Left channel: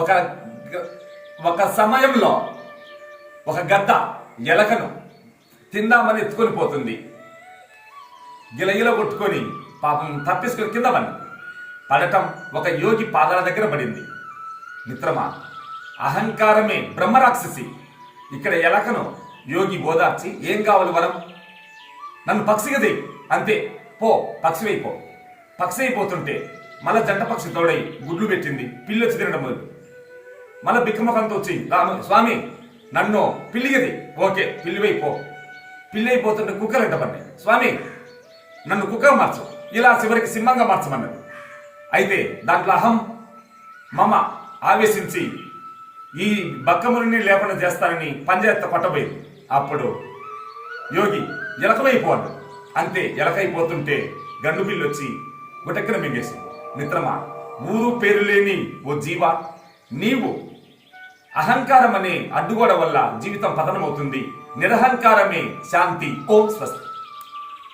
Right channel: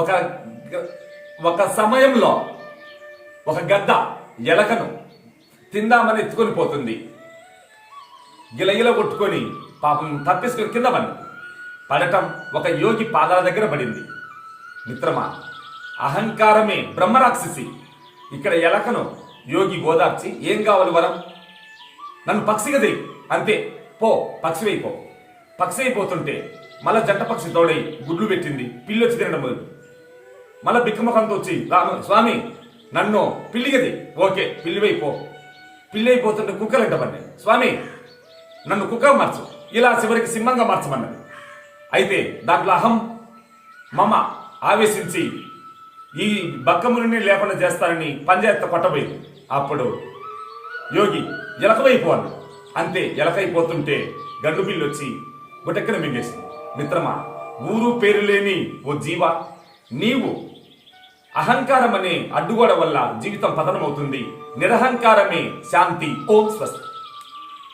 ఒక ఒక సమయంలో ఒక గద్ద ఎలకను తిందామని ఎత్తుకొని పోతుంది. గిలగిల కొట్టుకొని పాపం తప్పించుకొని కింద పడటం ఒక యోగి పాదాల దగ్గర పడింది. మిత్రమా, అహంకారమే బ్రహ్మరాక్షసి. ఇక్కడ ఎలకను యోగి ఓదార్చి, ఏం కావాలి వరం, నన్ను పక్షిగదే, అంతే, పో పక్షివైపో. పక్షి అయిపోతుంటే మళ్ళా జంట పక్షి తోడై గుడ్లు పెట్టింది. పిల్లి వచ్చి తినడం మొదలు. మళ్ళా బిక్కముఖంతో వచ్చి, స్వామి నన్ను పిల్లిగది, ఓకే పిల్లివైపో. పిల్లి అయిపోతుంటే కుక్కలు ఎంట పడినాయి. స్వామి నన్ను కుక్క మార్చు, ఇలా చివరికి సింహంగా మార్చమన్నది. అయితే దాంట్లో అహం మమ ఆవేశించి ఈ బక్కముని లేకుండా చేస్తానని పంజాయత్ కొట్టబోయింది. అప్పుడు యోగి ఎలకవైపోవాలి, అంతే ఎలకైపోతుంటే గండు పిల్లి వచ్చి గుటెక్కన మింగేసి. మిత్రమా, ఊరు పేరు లేని ఓ జీవ, నీవు అహంకారం అనే అడ్డుగోడ వల్ల జీవితం పతనమవుతుంది. నిరహంకారమే శాంతి. ఓం స్వస్తి.